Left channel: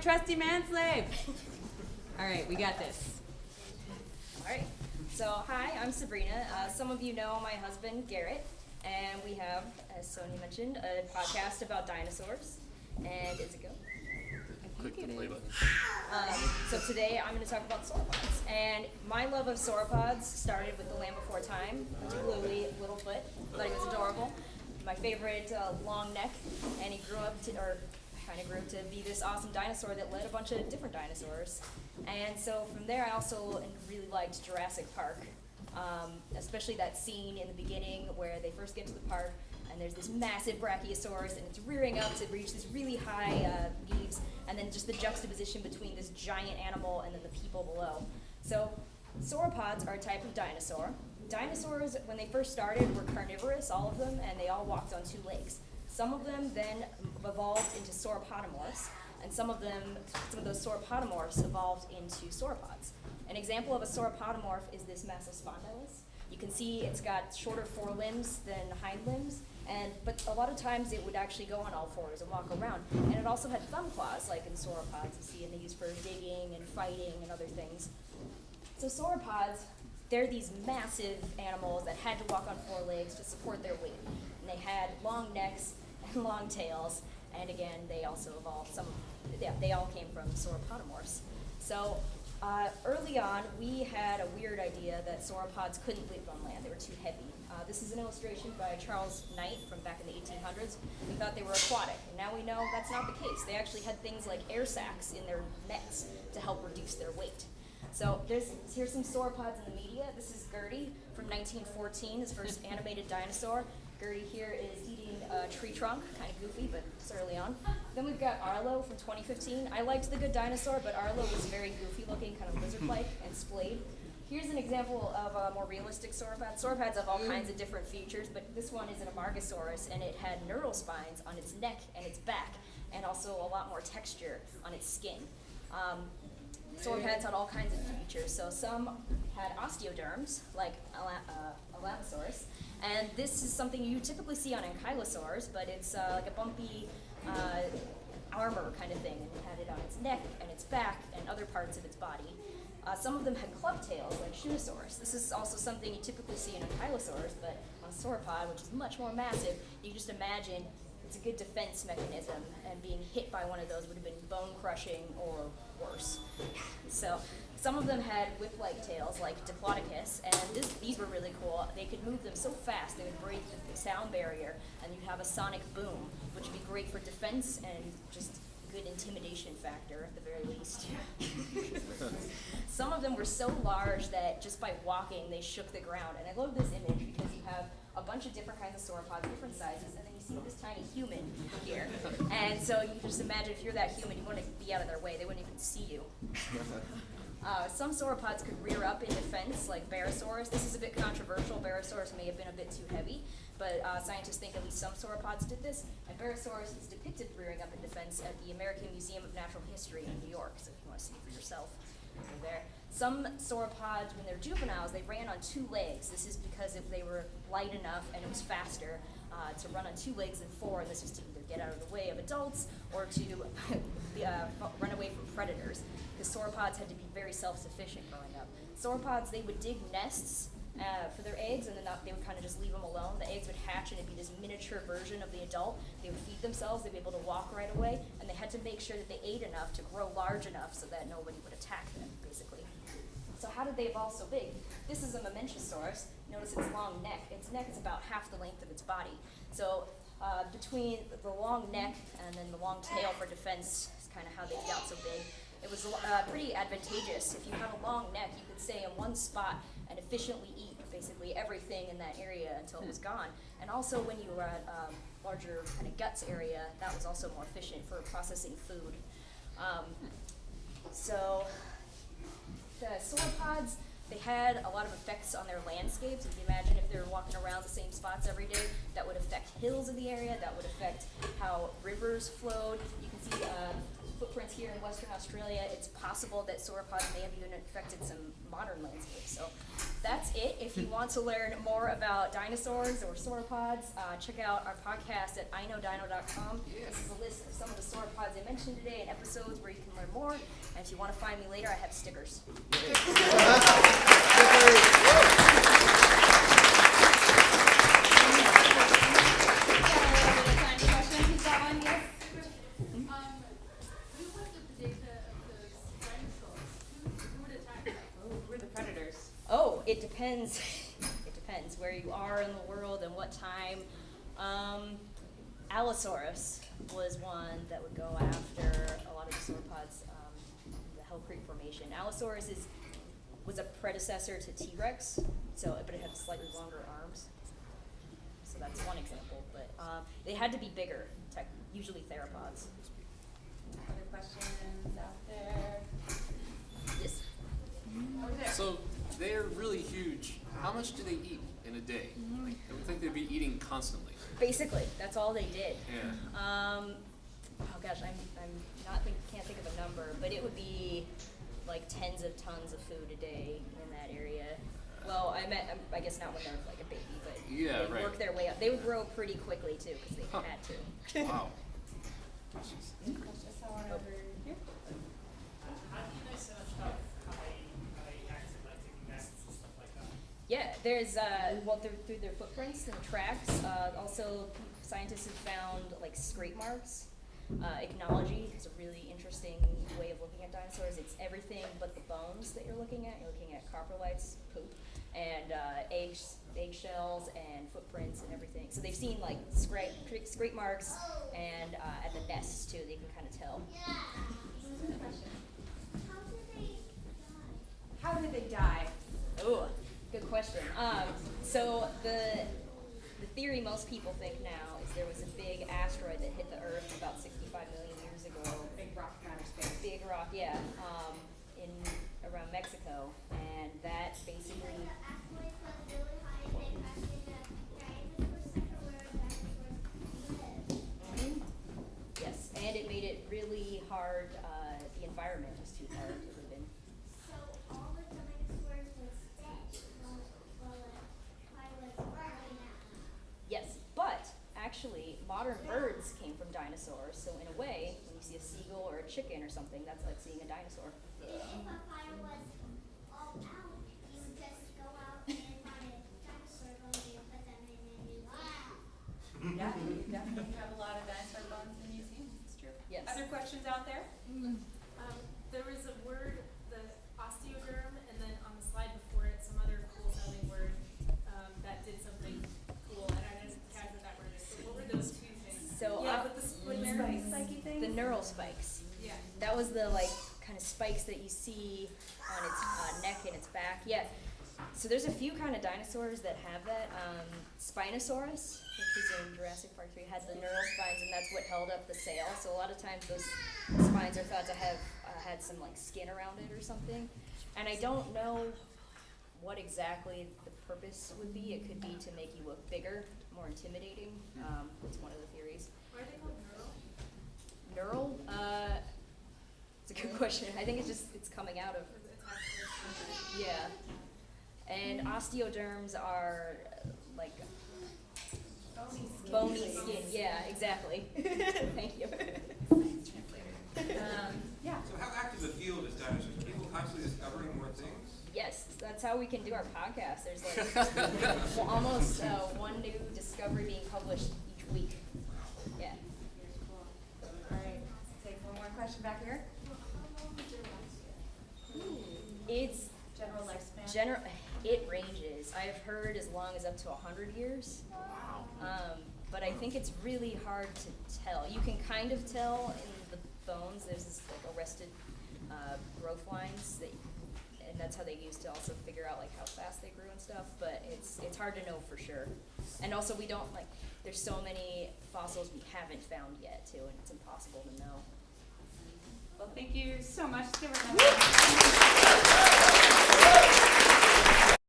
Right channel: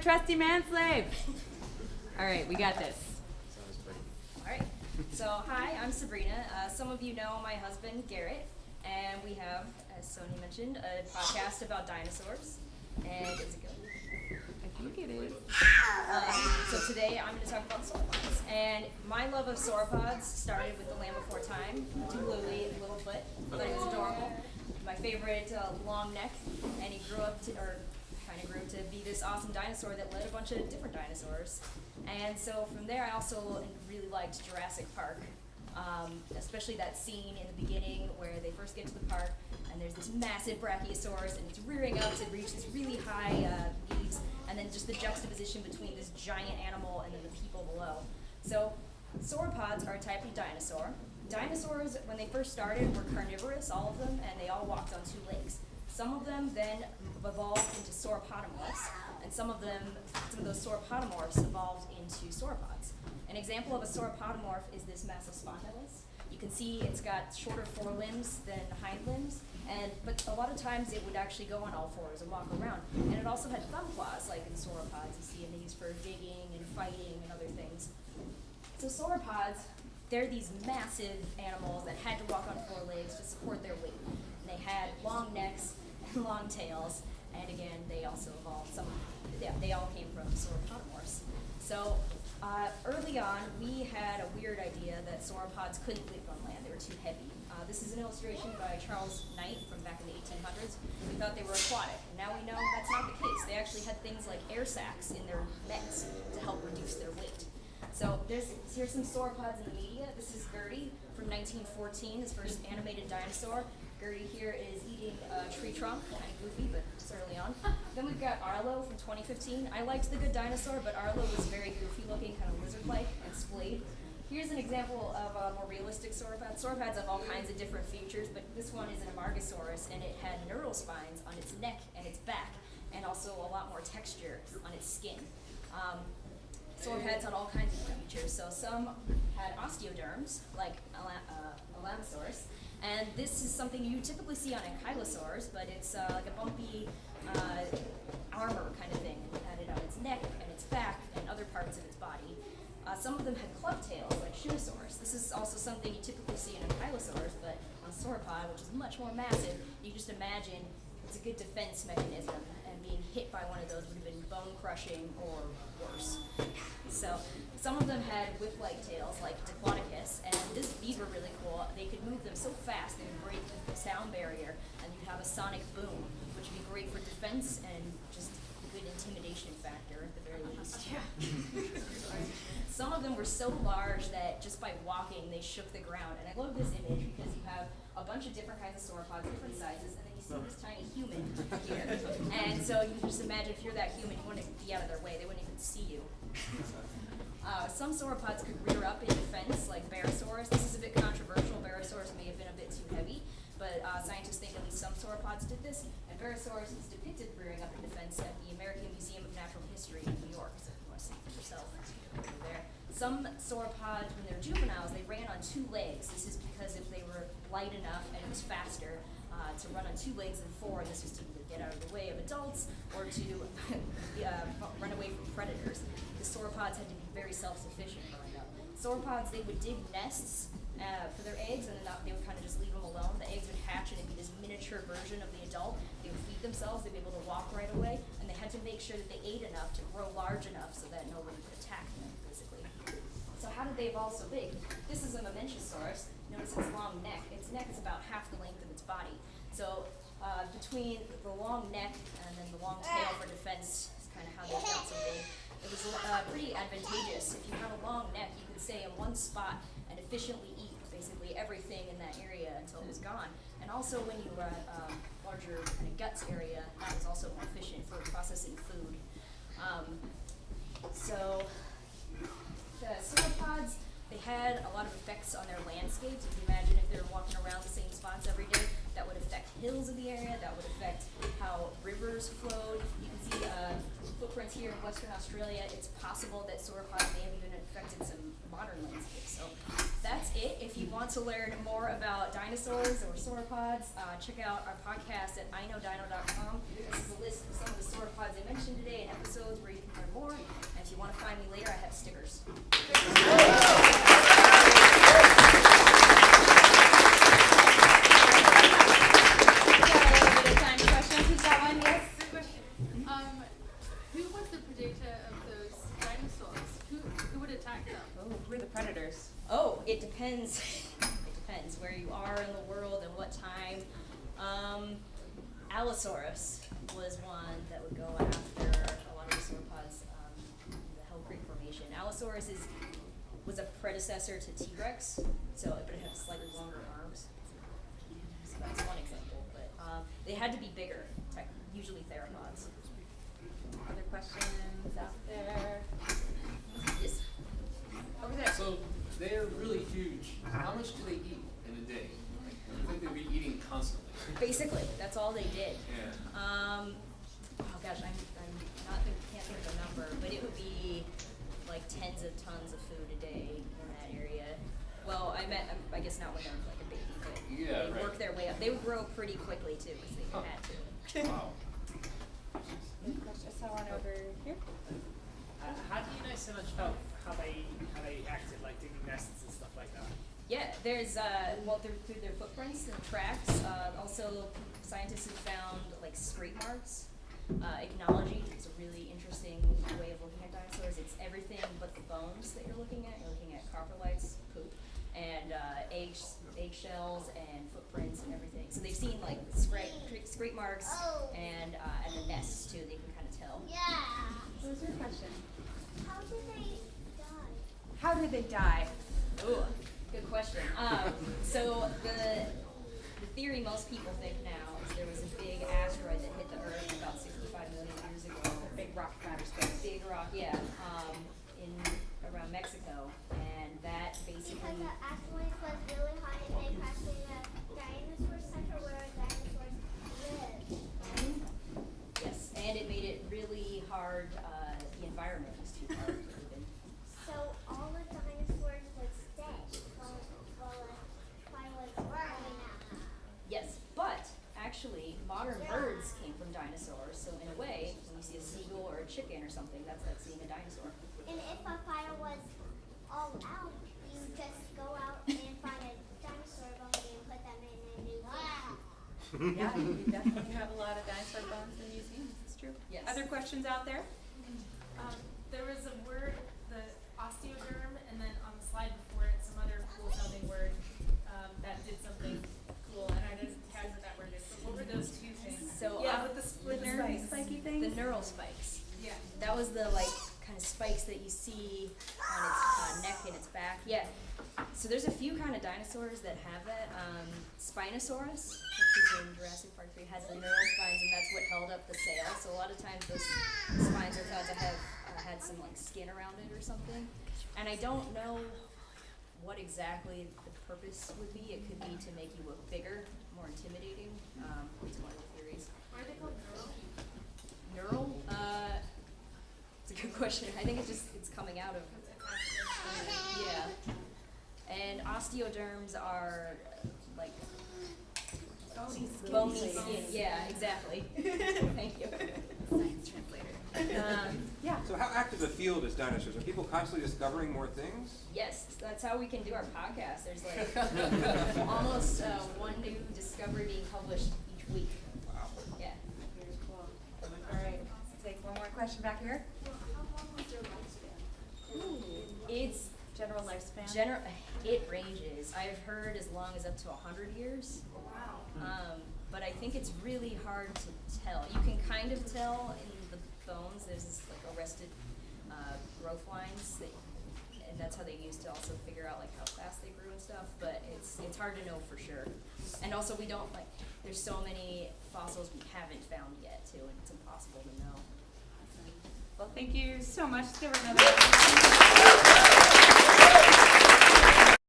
trusty manslave. All right, we got this. All right. So, hi, I'm Sabrina. Some of you know my husband, Garrett, and we have, as Sonia mentioned, a podcast about dinosaurs. And is it go? I think it is. So today I'm going to talk about sauropods. And my love of sauropods started with the Land Before Time, particularly Littlefoot. I thought he was adorable. My favorite, long neck, and he grew up to, or kind of grew up to be this awesome dinosaur that led a bunch of different dinosaurs. And so from there I also really liked Jurassic Park, especially that scene in the beginning where they first get to the park and there's this massive brachiosaurus and it's rearing up to reach this really high leaves, and then just the juxtaposition between this giant animal and then the people below. So sauropods are a type of dinosaur. Dinosaurs, when they first started, were carnivorous, all of them, and they all walked on two legs. Some of them then evolved into sauropodomorphs, and some of those sauropodomorphs evolved into sauropods. An example of a sauropodomorph is this Massospondylus. You can see it's got shorter forelimbs than hind limbs, but a lot of times it would actually go on all fours and walk around. And it also had thumb claws, like in sauropods you see, and they use for digging and fighting and other things. So sauropods, they're these massive animals that had to walk on four legs to support their weight. And they had long necks and long tails, and again, they also evolved they all came from sauropodomorphs. So early on, we had a weird idea that sauropods couldn't live on land. They were too heavy. This is an illustration by Charles Knight from back in the 1800s. We thought they were aquatic, and now we know that's not the case. They actually had things like air sacs in their necks to help reduce their weight. So here's some sauropods in the media. This is Gertie from 1914, his first animated dinosaur. Gertie here is eating a tree trunk, kind of goofy, but it's early on. Then we've got Arlo from 2015. I liked The Good Dinosaur, but Arlo was very goofy looking, kind of lizard-like and splayed. Here's an example of a more realistic sauropod. Sauropods have all kinds of different features, but this one is an Amargasaurus, and it had neural spines on its neck and its back, and also a lot more texture on its skin. Sauropods had all kinds of features. So some had osteoderms, like Alamosaurus, and this is something you typically see on ankylosaurs, but it's like a bumpy armor kind of thing, and it had it on its neck and its back and other parts of its body. Some of them had club tails, like Shootosaurus. This is also something you typically see in ankylosaurs, but on a sauropod, which is much more massive, you just imagine it's a good defense mechanism, and being hit by one of those would have been bone-crushing or worse. So some of them had whip-like tails, like Diplodocus, and these were really cool. They could move them so fast, they would break the sound barrier, and you'd have a sonic boom, which would be great for defense and just a good intimidation factor, at the very least. Some of them were so large that just by walking, they shook the ground. And I love this image because you have a bunch of different kinds of sauropods, different sizes, and then you see this tiny human here. And so you can just imagine if you're that human, you want to be out of their way. They wouldn't even see you. Some sauropods could rear up in defense, like Barosaurus. This is a bit controversial. Barosaurus may have been a bit too heavy, but scientists think at least some sauropods did this. And Barosaurus is depicted rearing up in defense at the American Museum of Natural History in New York, so if you want to see it for yourself, over there. Some sauropods, when they're juveniles, they ran on two legs. This is because if they were light enough and it was faster to run on two legs than four, and this was to either get out of the way of adults or to run away from predators, because sauropods had to be very self-sufficient growing up. Sauropods, they would dig nests for their eggs, and then they would kind of just leave them alone. The eggs would hatch, and it'd be this miniature version of the adult. They would feed themselves, they'd be able to walk right away, and they had to make sure that they ate enough to grow large enough so that nobody would attack them, basically. So how did they evolve so big? This is a Mamenchisaurus. Notice its long neck. Its neck is about half the length of its body. So between the long neck and then the long tail for defense is kind of how they got so big. It was pretty advantageous. If you have a long neck, you could stay in one spot and efficiently eat basically everything in that area until it was gone. And also when you were at larger kind of guts area, that was also more efficient for processing food. So the sauropods, they had a lot of effects on their landscapes. If you imagine if they're walking around the same spots every day, that would affect hills in the area, that would affect how rivers flowed. You can see footprints here in Western Australia, it's possible that sauropods may have even affected some modern landscapes. So that's it. If you want to learn more about dinosaurs or sauropods, check out our podcast at iknowdino.com. This is a list of some of the sauropods I mentioned today and episodes where you can learn more. And if you want to find me later, I have stickers. Who's got one? Yes. Who was the predator of those dinosaurs? Who would attack them? Oh, who are the predators? Oh, it depends. It depends where you are in the world and what time. Allosaurus was one that would go after a lot of the sauropods in the Hell Creek Formation. Allosaurus was a predecessor to T-Rex, but it had slightly longer arms. So that's one example. But they had to be bigger, usually theropods. Other questions out there? Yes. Over there. So they're really huge. How much do they eat in a day? Like, I would think they'd be eating constantly. Basically, that's all they did. Yeah. Oh gosh, can't think of a number, but it would be like tens of tons of food a day in that area. Well, I guess not when they're like a baby, but Yeah, they right. work their way up. They would grow pretty quickly too, because they Huh. had to. Wow. I saw one over here. How do you know so much about how they acted, like digging nests and stuff like that? Yeah, there's through their footprints and tracks. Also, scientists have found like scrape marks. Ichnology is a really interesting way of looking at dinosaurs. It's everything but the bones that you're looking at. You're looking at coprolites, poop, and eggshells and footprints and everything. So they've seen like scrape marks and at the nests too. They can kind of tell. What was your question? How did they die? How did they die? Ooh, good question. So the theory most people think now is there was a big asteroid that hit the Earth about 65 million years ago. Big rock from outer space. Big rock, yeah, in around Mexico, and that basically. Because the asteroid was really hot and they crashed in the dinosaur center where dinosaurs live. Yes, and it made it really hard. The environment was too hard to live in. So all the dinosaurs was dead while it was growing out. Yes, but actually, modern birds came from dinosaurs. So in a way, when you see a seagull or a chicken or something, that's like seeing a dinosaur. And if a fire was all out, you would just go out and find a dinosaur bone and put them in a new cage. Yeah, you definitely have a lot of dinosaur bones in museums. It's true. Yes. Other questions out there? There was a word, the osteoderm, and then on the slide before it, some other cool sounding word that did something cool. And I didn't tag what that word is. But what were those two things? So Yeah, with the split nerve spiky things. the neural spikes. Yeah. That was the like kind of spikes that you see on its neck and its back. Yeah. So there's a few kind of dinosaurs that have that. Spinosaurus, which is in Jurassic Park 3, has the neural spines, and that's what held up the sail. So a lot of times those spines are thought to have had some like skin around it or something. And I don't know what exactly the purpose would be. It could be to make you look bigger, more intimidating. It's one of the theories. Why are they called neural? Neural? It's a good question. I think it's coming out of, yeah. And osteoderms are like bony skin. Yeah, exactly. Thank you. Science translator. Yeah. So how active a field is dinosaurs? Are people constantly discovering more things? Yes, that's how we can do our podcast. There's like almost one new discovery being published each week. Wow. Yeah. Very cool. All right. Take one more question back here. It's General lifespan. It ranges. I've heard as long as up to 100 years. But I think it's really hard to tell. You can kind of tell in the bones. There's this like arrested growth lines and that's how they used to also figure out like how fast they grew and stuff. But it's hard to know for sure. And also we don't like. There's so many fossils we haven't found yet too, and it's impossible to know. Well, thank you so much. Let's give her another.